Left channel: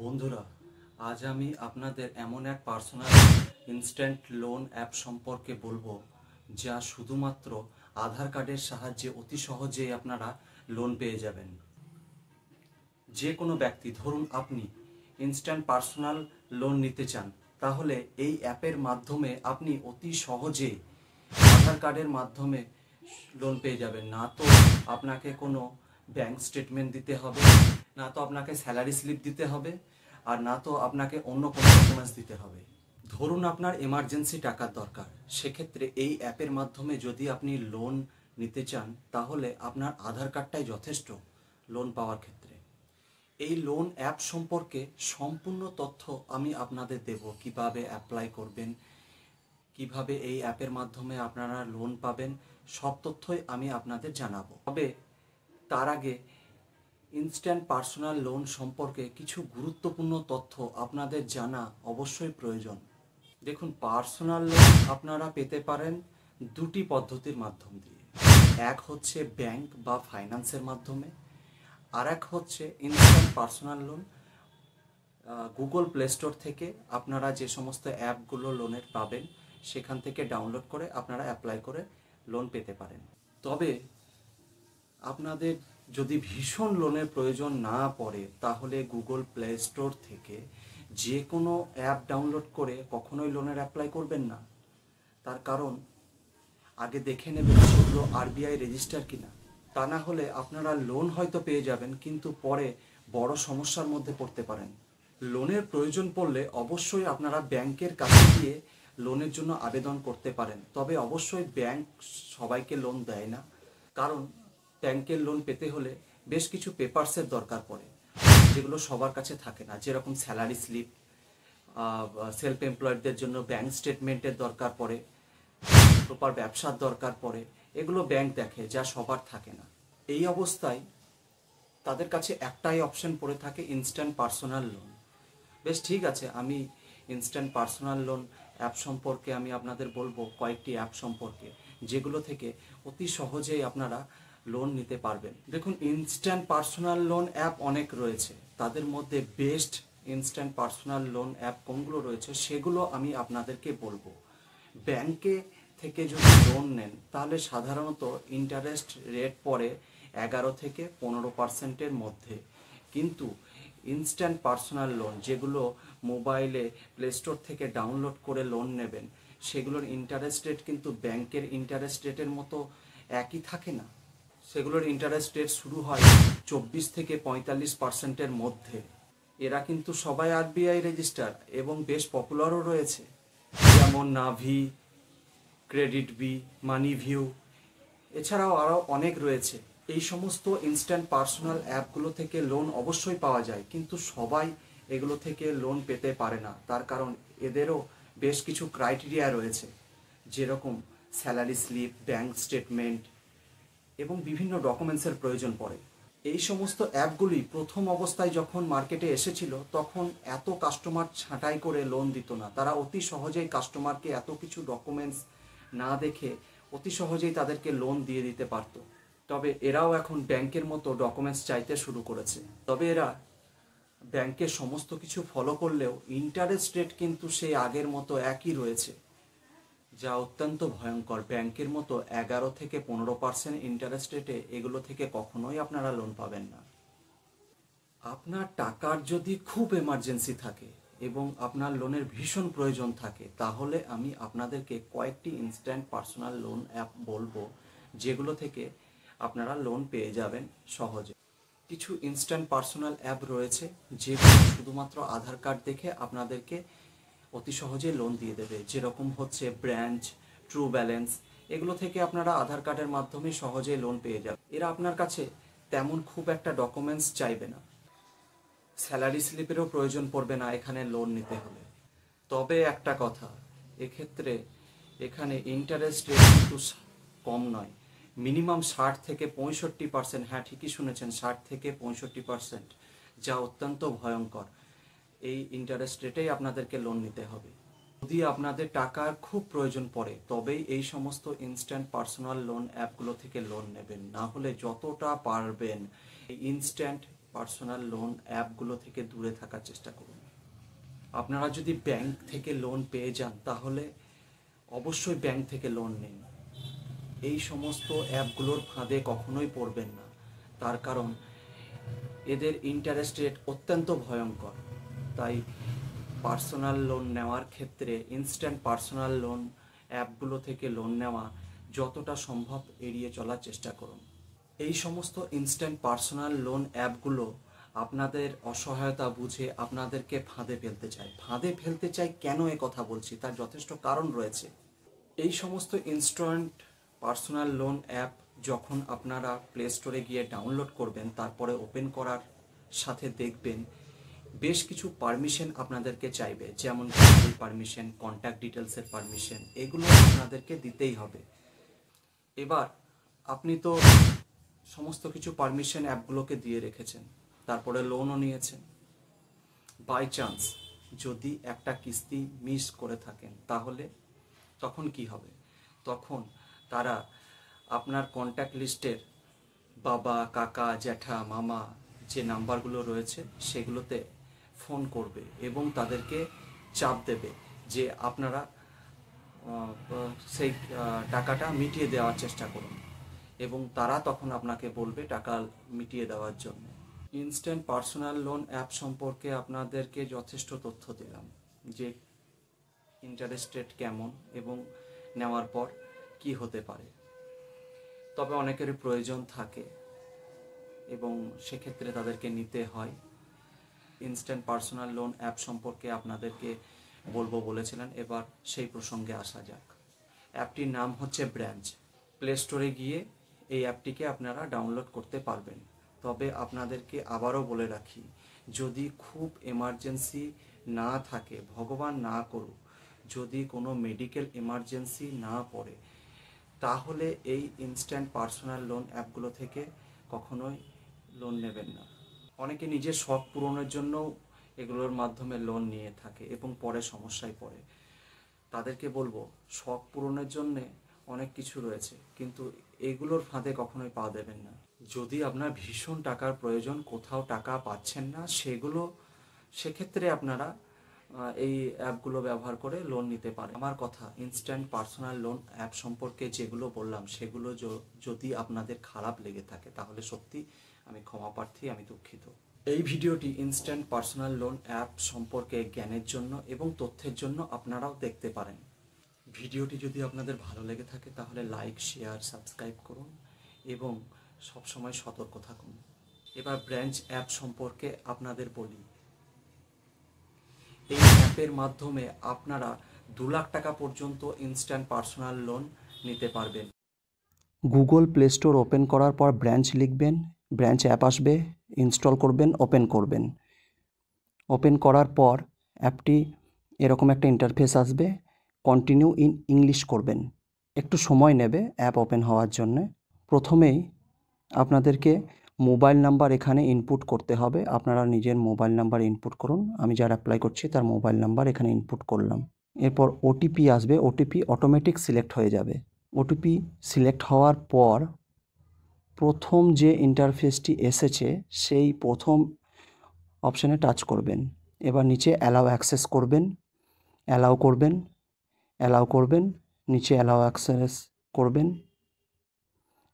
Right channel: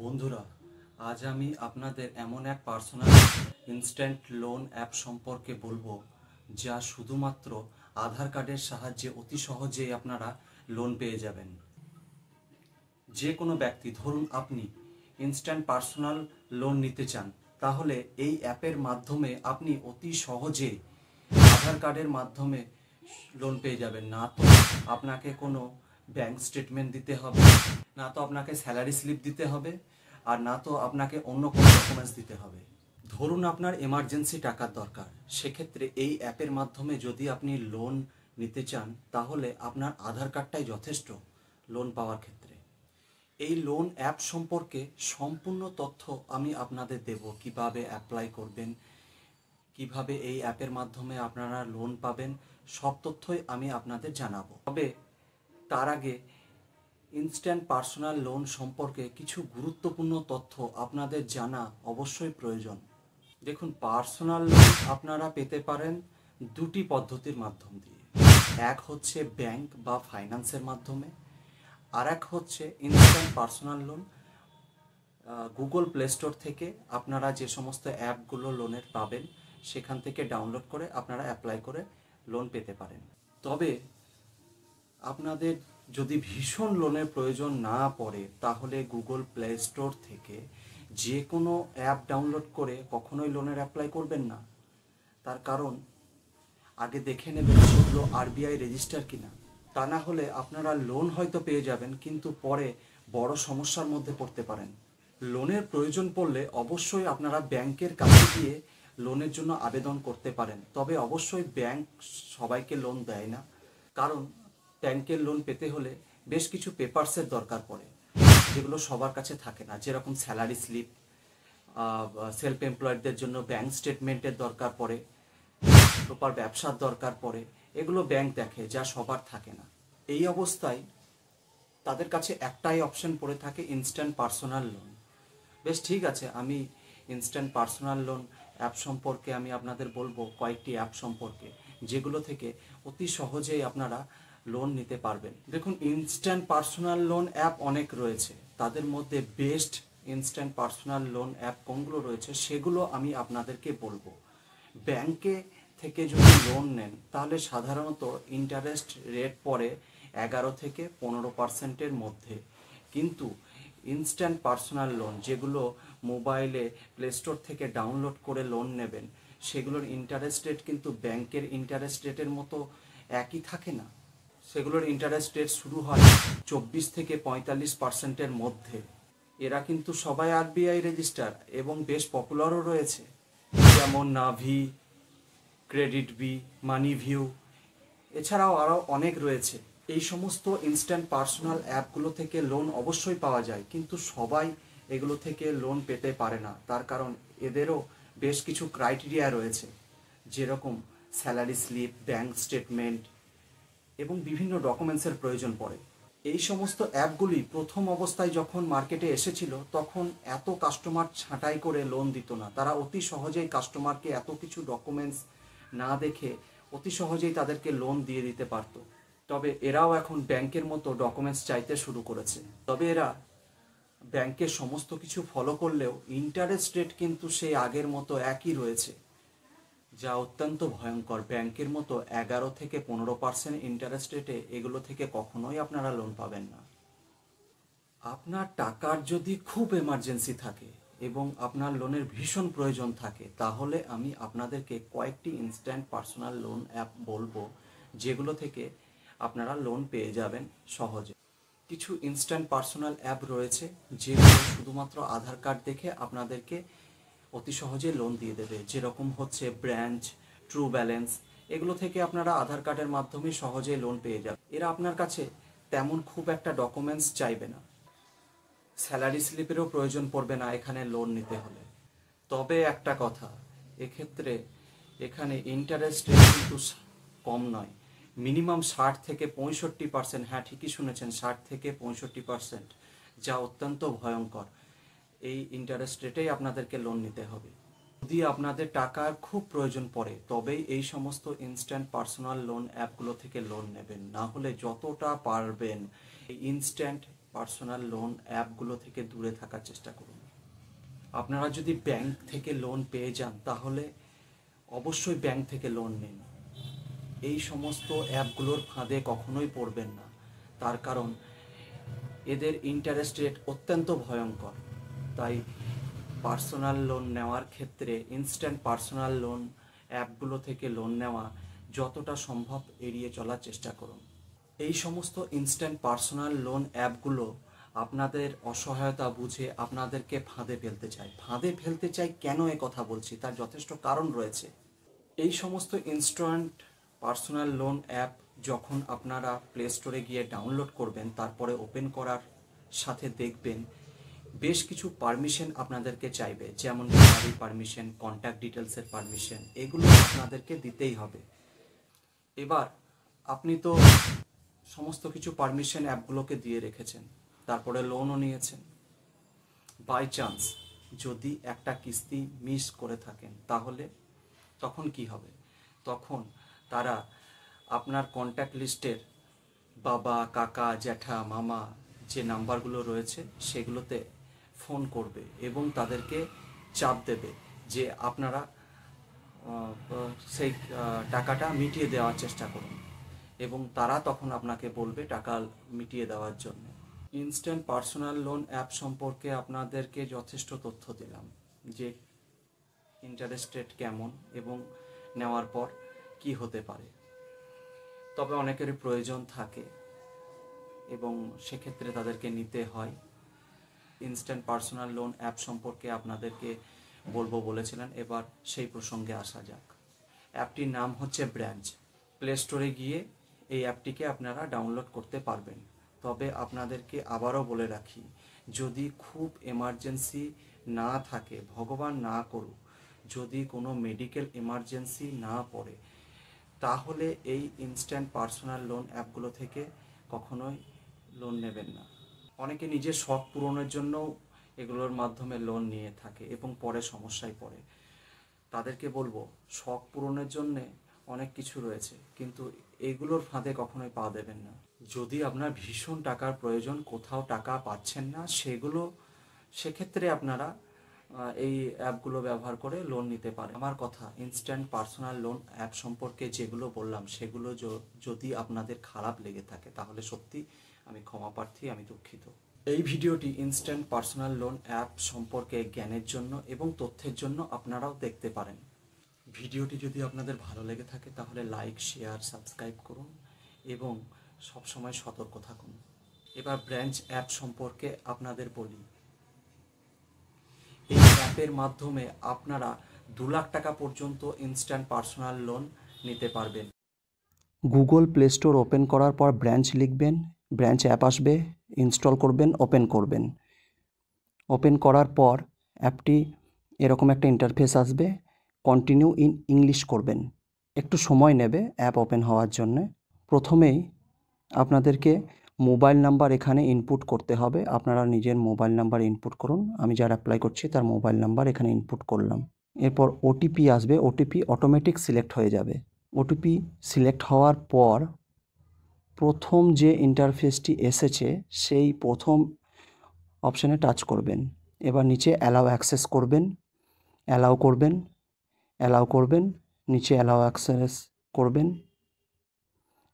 বন্ধুরা, আজ আমি আপনাদের এমন এক পার্সোনাল ইনস্ট্যান্ট লোন অ্যাপ সম্পর্কে বলবো, যা শুধুমাত্র আধার কার্ডের সাহায্যে অতি সহজেই আপনারা লোন পেয়ে যাবেন। যে কোনো ব্যক্তি, ধরুন আপনি ইনস্ট্যান্ট পার্সোনাল লোন নিতে চান, তাহলে এই অ্যাপের মাধ্যমে আপনি অতি সহজে আধার কার্ডের মাধ্যমে লোন পেয়ে যাবেন। না তো আপনাকে কোনো ব্যাংক স্টেটমেন্ট দিতে হবে, না তো আপনাকে স্যালারি স্লিপ দিতে হবে, আর না তো আপনাকে অন্য কোনো ডকুমেন্টস দিতে হবে। ধরুন আপনার এমার্জেন্সি টাকার দরকার, সেক্ষেত্রে এই অ্যাপের মাধ্যমে যদি আপনি লোন নিতে চান, তাহলে আপনার আধার কার্ডটাই যথেষ্ট লোন পাওয়ার ক্ষেত্রে। এই লোন অ্যাপ সম্পর্কে সম্পূর্ণ তথ্য আমি আপনাদের দেব। কিভাবে অ্যাপ্লাই করবেন, কিভাবে এই অ্যাপের মাধ্যমে আপনারা লোন পাবেন, সব তথ্যই আমি আপনাদের জানাবো। তবে তার আগে ইনস্ট্যান্ট পার্সোনাল লোন সম্পর্কে কিছু গুরুত্বপূর্ণ তথ্য আপনাদের জানা অবশ্যই প্রয়োজন। দেখুন, পার্সোনাল লোন আপনারা পেতে পারেন দুটি পদ্ধতির মাধ্যম দিয়ে। এক হচ্ছে ব্যাংক বা ফাইন্যান্সের মাধ্যমে, আর এক হচ্ছে instant personal loan Google play store থেকে আপনারা যে সমস্ত অ্যাপগুলো লোনের পাবেন, সেখান থেকে ডাউনলোড করে আপনারা অ্যাপ্লাই করে লোন পেতে পারেন। তবে আপনাদের যদি ভীষণ লোনের প্রয়োজন না পড়ে, তাহলে গুগল প্লে স্টোর থেকে যে কোনো অ্যাপ ডাউনলোড করে কখনোই লোনের অ্যাপ্লাই করবেন না। তার কারণ আগে দেখে নেবেন সেগুলো আরবিআই রেজিস্টার কিনা। তা না হলে আপনারা লোন হয়তো পেয়ে যাবেন, কিন্তু পরে বড় সমস্যার মধ্যে পড়তে পারেন। লোনের প্রয়োজন পড়লে অবশ্যই আপনারা ব্যাংকের কাছে গিয়ে লোনের জন্য আবেদন করতে পারেন। তবে অবশ্যই ব্যাংক সবাইকে লোন দেয় না, কারণ ব্যাংকের লোন পেতে হলে বেশ কিছু পেপারসের দরকার পড়ে, যেগুলো সবার কাছে থাকে না। যেরকম স্যালারি স্লিপ, সেলফ এমপ্লয়েডদের জন্য ব্যাংক স্টেটমেন্টের দরকার পড়ে, প্রপার ব্যবসার দরকার পড়ে। এগুলো ব্যাংক দেখে, যা সবার থাকে না। এই অবস্থায় তাদের কাছে একটাই অপশন পড়ে থাকে, ইনস্ট্যান্ট পার্সোনাল লোন। বেশ ঠিক আছে, আমি ইনস্ট্যান্ট পার্সোনাল লোন অ্যাপ সম্পর্কে আমি আপনাদের বলবো কয়েকটি অ্যাপ সম্পর্কে, যেগুলো থেকে অতি সহজেই আপনারা লোন নিতে পারবেন। দেখুন, ইনস্ট্যান্ট পার্সোনাল লোন অ্যাপ অনেক রয়েছে, তাদের মধ্যে best instant personal loan app কোনগুলো রয়েছে সেগুলো আমি আপনাদেরকে বলবো। ব্যাংকে থেকে যদি লোন নেন, তাহলে সাধারণত ইন্টারেস্ট রেট পড়ে 11 থেকে 15% মধ্যে। কিন্তু ইনস্ট্যান্ট পার্সোনাল লোন, যেগুলো মোবাইলে প্লে স্টোর থেকে ডাউনলোড করে লোন নেবেন, সেগুলোর ইন্টারেস্ট রেট কিন্তু ব্যাংকের ইন্টারেস্ট রেটের মতো একই থাকে না। সেগুলোর ইন্টারেস্ট রেট শুরু হয় 24 থেকে 45%-এর মধ্যে। এরা কিন্তু সবাই আরবিআই রেজিস্টার এবং বেশ পপুলারও রয়েছে, যেমন নাভি, ক্রেডিট বি, মানি ভিউ, এছাড়াও আরও অনেক রয়েছে। এই সমস্ত ইনস্ট্যান্ট পার্সোনাল অ্যাপগুলো থেকে লোন অবশ্যই পাওয়া যায়, কিন্তু সবাই এগুলো থেকে লোন পেতে পারে না। তার কারণ এদেরও বেশ কিছু ক্রাইটেরিয়া রয়েছে, যেরকম স্যালারি স্লিপ, ব্যাংক স্টেটমেন্ট এবং বিভিন্ন ডকুমেন্টসের প্রয়োজন পড়ে। এই সমস্ত অ্যাপগুলি প্রথম অবস্থায় যখন মার্কেটে এসেছিল, তখন এত কাস্টমার ছাঁটাই করে লোন দিত না। তারা অতি সহজেই কাস্টমারকে এত কিছু ডকুমেন্টস না দেখে অতি সহজেই তাদেরকে লোন দিয়ে দিতে পারত। তবে এরাও এখন ব্যাংকের মতো ডকুমেন্টস চাইতে শুরু করেছে। তবে এরা ব্যাংকের সমস্ত কিছু ফলো করলেও ইন্টারেস্ট রেট কিন্তু সেই আগের মতো একই রয়েছে, যা অত্যন্ত ভয়ঙ্কর। ব্যাংকের মতো 11 থেকে 15% ইন্টারেস্ট রেটে এগুলো থেকে কখনোই আপনারা লোন পাবেন না। আপনার টাকার যদি খুব এমার্জেন্সি থাকে এবং আপনার লোনের ভীষণ প্রয়োজন থাকে, তাহলে আমি আপনাদেরকে কয়েকটি ইনস্ট্যান্ট পার্সোনাল লোন অ্যাপ বলবো, যেগুলো থেকে আপনারা লোন পেয়ে যাবেন সহজে। কিছু ইনস্ট্যান্ট পার্সোনাল অ্যাপ রয়েছে, যেগুলো শুধুমাত্র আধার কার্ড দেখে আপনাদেরকে অতি সহজে লোন দিয়ে দেবে, যেরকম হচ্ছে ব্রাঞ্চ, ট্রু ব্যালেন্স। এগুলো থেকে আপনারা আধার কার্ডের মাধ্যমে সহজেই লোন পেয়ে যাবেন। এরা আপনার কাছে তেমন খুব একটা ডকুমেন্টস চাইবে না, স্যালারি স্লিপেরও প্রয়োজন পড়বে না এখানে লোন নিতে হলে। তবে একটা কথা, এখানে ইন্টারেস্ট রেট কিন্তু কম নয়, মিনিমাম 60 থেকে 65%। হ্যাঁ, ঠিকই শুনেছেন, 60 থেকে 65%, যা অত্যন্ত ভয়ঙ্কর। এই ইন্টারেস্ট রেটেই আপনাদেরকে লোন নিতে হবে। যদি আপনাদের টাকার খুব প্রয়োজন পড়ে, তবেই এই সমস্ত ইনস্ট্যান্ট পার্সোনাল লোন অ্যাপগুলো থেকে লোন নেবেন। না হলে যতটা পারবেন এই ইনস্ট্যান্ট পার্সোনাল লোন অ্যাপগুলো থেকে দূরে থাকার চেষ্টা করুন। আপনারা যদি ব্যাংক থেকে লোন পেয়ে যান তাহলে অবশ্যই ব্যাংক থেকে লোন নিন। এই সমস্ত অ্যাপগুলোর ফাঁদে কখনোই পড়বেন না, তার কারণ এদের ইন্টারেস্ট রেট অত্যন্ত ভয়ঙ্কর। তাই পার্সোনাল লোন নেওয়ার ক্ষেত্রে ইনস্ট্যান্ট পার্সোনাল লোন অ্যাপগুলো থেকে লোন নেওয়া যতটা সম্ভব এড়িয়ে চলার চেষ্টা করুন। এই সমস্ত ইনস্ট্যান্ট পার্সোনাল লোন অ্যাপগুলো আপনাদের অসহায়তা বুঝে আপনাদেরকে ফাঁদে ফেলতে চায়। কেন এ কথা বলছি তার যথেষ্ট কারণ রয়েছে। এই সমস্ত ইনস্ট্যান্ট পার্সোনাল লোন অ্যাপ যখন আপনারা প্লে স্টোরে গিয়ে ডাউনলোড করবেন, তারপরে ওপেন করার সাথে দেখবেন বেশ কিছু পারমিশন আপনাদেরকে চাইবে, যেমন গ্যালারি পারমিশন, কন্ট্যাক্ট ডিটেলসের পারমিশন, এগুলো আপনাদেরকে দিতেই হবে। এবার আপনি তো সমস্ত কিছু পারমিশন অ্যাপগুলোকে দিয়ে রেখেছেন, তারপরে লোনও নিয়েছেন। বাই চান্স যদি একটা কিস্তি মিস করে থাকেন তাহলে তখন কি হবে? তখন তারা আপনার কন্ট্যাক্ট লিস্টের বাবা, কাকা, জ্যাঠা, মামা যে নাম্বারগুলো রয়েছে সেগুলোতে ফোন করবে এবং তাদেরকে চাপ দেবে যে আপনারা সেই টাকাটা মিটিয়ে দেওয়ার চেষ্টা করুন, এবং তারা তখন আপনাকে বলবে টাকা মিটিয়ে দেওয়ার জন্য। ইনস্ট্যান্ট পার্সোনাল লোন অ্যাপ সম্পর্কে আপনাদেরকে যথেষ্ট তথ্য দিলাম যে ইন্টারেস্ট রেট কেমন এবং নেওয়ার পর কি হতে পারে। তবে অনেকেরই প্রয়োজন থাকে এবং সেক্ষেত্রে তাদেরকে নিতে হয়। ইনস্ট্যান্ট পার্সোনাল লোন অ্যাপ সম্পর্কে আপনাদেরকে বলেছিলেন, এবার সেই প্রসঙ্গে আসা যাক। অ্যাপটির নাম হচ্ছে ব্রাঞ্চ। প্লে স্টোরে গিয়ে এই অ্যাপটিকে আপনারা ডাউনলোড করতে পারবেন। তবে আপনাদেরকে আবারও বলে রাখি, যদি খুব এমার্জেন্সি না থাকে, ভগবান না করুক, যদি কোনো মেডিকেল এমার্জেন্সি না পড়ে, তাহলে এই ইনস্ট্যান্ট পার্সোনাল লোন অ্যাপগুলো থেকে কখনোই লোন নেবেন না। অনেকে নিজের শখ পূরণের জন্যও এগুলোর মাধ্যমে লোন নিয়ে থাকে এবং পরে সমস্যায় পড়ে। তাদেরকে বলবো, শখ পূরণের জন্যে অনেক কিছু রয়েছে, কিন্তু এগুলোর ফাঁদে কখনোই পা দেবেন না। যদি আপনার ভীষণ টাকার প্রয়োজন, কোথাও টাকা পাচ্ছেন না, সেক্ষেত্রে আপনারা এই অ্যাপগুলো ব্যবহার করে লোন নিতে পারেন। আমার কথা, ইনস্ট্যান্ট পার্সোনাল লোন অ্যাপ সম্পর্কে যেগুলো বললাম সেগুলো যদি আপনাদের খারাপ লেগে থাকে তাহলে সত্যি আমি ক্ষমা প্রার্থী, আমি দুঃখিত। এই ভিডিওটি ইনস্ট্যান্ট পার্সোনাল লোন অ্যাপ সম্পর্কে জ্ঞানের জন্য এবং তথ্যের জন্য আপনারাও দেখতে পারেন। ভিডিওটি যদি আপনাদের ভালো লেগে থাকে তাহলে লাইক, শেয়ার, সাবস্ক্রাইব করুন এবং সবসময় সতর্ক থাকুন। এবার ব্রাঞ্চ অ্যাপ সম্পর্কে আপনাদের বলি। এই অ্যাপের মাধ্যমে আপনারা 2 লাখ টাকা পর্যন্ত ইনস্ট্যান্ট পার্সোনাল লোন নিতে পারবেন। গুগল প্লে স্টোর ওপেন করার পর ব্রাঞ্চ লিখবেন, ব্রাঞ্চ অ্যাপ আসবে, ইনস্টল করবেন, ওপেন করবেন। ওপেন করার পর অ্যাপটি এরকম একটা ইন্টারফেস আসবে, কন্টিনিউ ইন ইংলিশ করবেন। একটু সময় নেবে অ্যাপ ওপেন হওয়ার জন্যে। প্রথমেই আপনাদেরকে মোবাইল নাম্বার এখানে ইনপুট করতে হবে। আপনারা নিজের মোবাইল নাম্বার ইনপুট করুন। আমি যার অ্যাপ্লাই করছি তার মোবাইল নাম্বার এখানে ইনপুট করলাম। এরপর ওটিপি আসবে, ওটিপি অটোমেটিক সিলেক্ট হয়ে যাবে। ওটিপি সিলেক্ট হওয়ার পর প্রথম যে ইন্টারফেসটি এসেছে সেই প্রথম অপশানে টাচ করবেন। এবার নিচে অ্যালাউ অ্যাক্সেস করবেন, অ্যালাউ করবেন, অ্যালাউ করবেন, নিচে অ্যালাউ অ্যাক্সেস করবেন,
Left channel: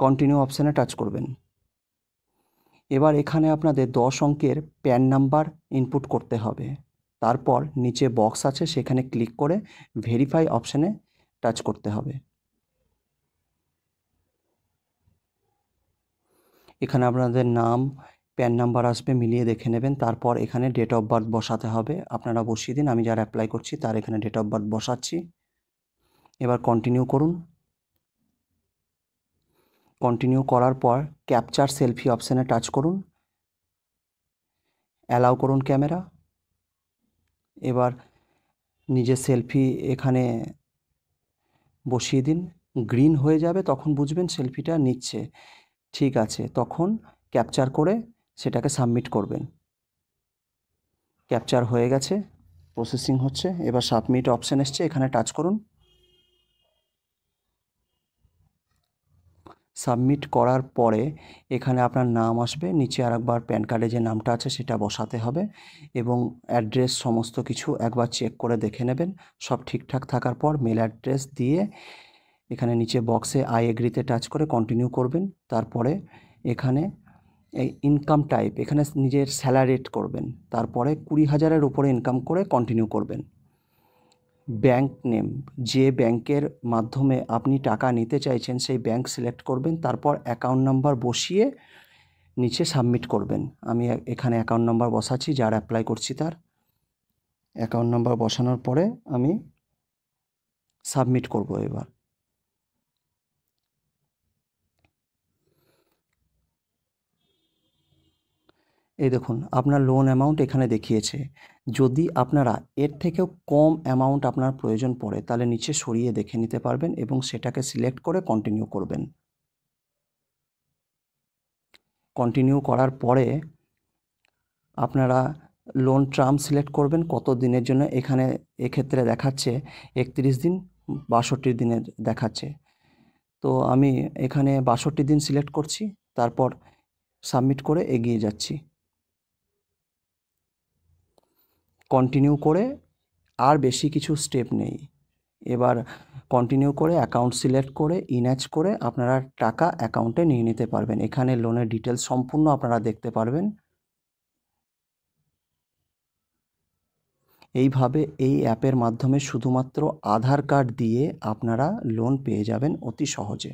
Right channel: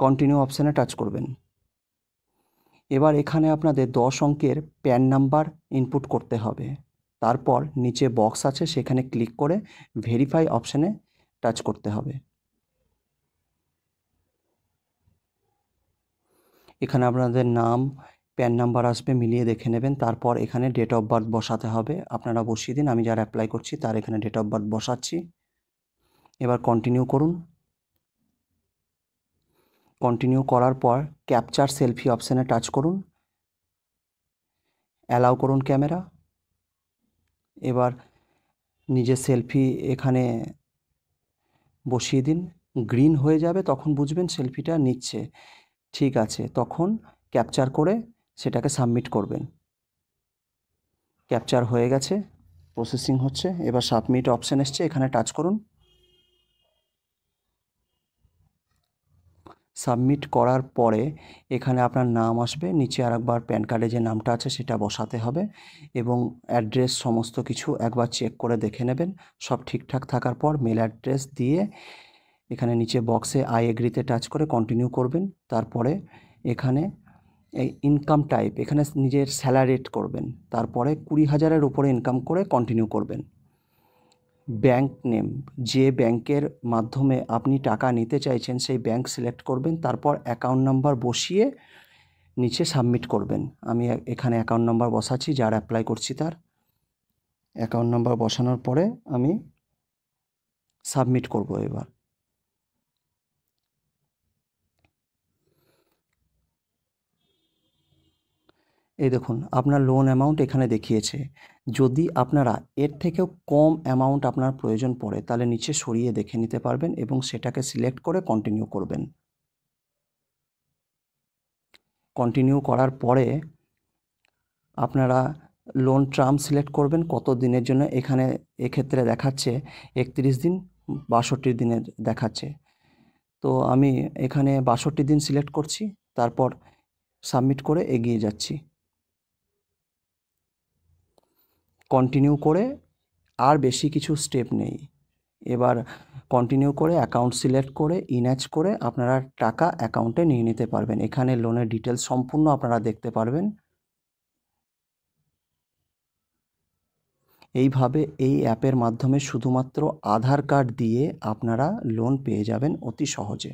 কন্টিনিউ অপশানে টাচ করবেন। এবার এখানে আপনাদের 10 অঙ্কের প্যান নাম্বার ইনপুট করতে হবে। তারপর নিচে বক্স আছে, সেখানে ক্লিক করে ভেরিফাই অপশানে টাচ করতে হবে। এখানে আপনাদের নাম, প্যান নাম্বার আসবে, মিলিয়ে দেখে নেবেন। তারপর এখানে ডেট অফ বার্থ বসাতে হবে, আপনারা বসিয়ে দিন। আমি যার অ্যাপ্লাই করছি তার এখানে ডেট অফ বার্থ বসাচ্ছি। এবার কন্টিনিউ করুন। কন্টিনিউ করার পর ক্যাপচার সেলফি অপশানে টাচ করুন, অ্যালাউ করুন ক্যামেরা। এবার নিজের সেলফি এখানে বসিয়ে দিন। গ্রিন হয়ে যাবে, তখন বুঝবেন সেলফিটা নিচ্ছে। ঠিক আছে, তখন ক্যাপচার করে সেটাকে সাবমিট করবেন। ক্যাপচার হয়ে গেছে, প্রসেসিং হচ্ছে। এবার সাবমিট অপশান এসছে, এখানে টাচ করুন। সাবমিট করার পরে এখানে আপনার নাম আসবে, নিচে আরেকবার প্যান কার্ডে যে নামটা আছে সেটা বসাতে হবে এবং অ্যাড্রেস সমস্ত কিছু একবার চেক করে দেখে নেবেন। সব ঠিকঠাক থাকার পর মেল অ্যাড্রেস দিয়ে এখানে নিচে বক্সে আই এগ্রিতে টাচ করে কন্টিনিউ করবেন। তারপরে এখানে এই ইনকাম টাইপ এখানে নিজের স্যালারিড করবেন, তারপরে 20,000-এর উপরে ইনকাম করে কন্টিনিউ করবেন। ব্যাংক নেম, যে ব্যাংকের মাধ্যমে আপনি টাকা নিতে চাইছেন সেই ব্যাংক সিলেক্ট করবেন, তারপর অ্যাকাউন্ট নাম্বার বসিয়ে নিচে সাবমিট করবেন। আমি এখানে অ্যাকাউন্ট নাম্বার বসাচ্ছি, যার অ্যাপ্লাই করছি তার অ্যাকাউন্ট নাম্বার বসানোর পরে আমি সাবমিট করব। এবার এই দেখুন আপনার লোন অ্যামাউন্ট এখানে দেখিয়েছে। যদি আপনারা এর থেকেও কম অ্যামাউন্ট আপনার প্রয়োজন পড়ে তাহলে নিচে সরিয়ে দেখে নিতে পারবেন এবং সেটাকে সিলেক্ট করে কন্টিনিউ করবেন। কন্টিনিউ করার পরে আপনারা লোন টার্ম সিলেক্ট করবেন কত দিনের জন্য। এখানে এক্ষেত্রে দেখাচ্ছে 31 দিন, 62 দিনের দেখাচ্ছে। তো আমি এখানে 62 দিন সিলেক্ট করছি, তারপর সাবমিট করে এগিয়ে যাচ্ছি। কন্টিনিউ করে আর বেশি কিছু স্টেপ নেই। এবার কন্টিনিউ করে অ্যাকাউন্ট সিলেক্ট করে ইনঅ্যাচ করে আপনারা টাকা অ্যাকাউন্টে নিয়ে নিতে পারবেন। এখানে লোনের ডিটেলস সম্পূর্ণ আপনারা দেখতে পারবেন। এইভাবে এই অ্যাপের মাধ্যমে শুধুমাত্র আধার কার্ড দিয়ে আপনারা লোন পেয়ে যাবেন অতি সহজে।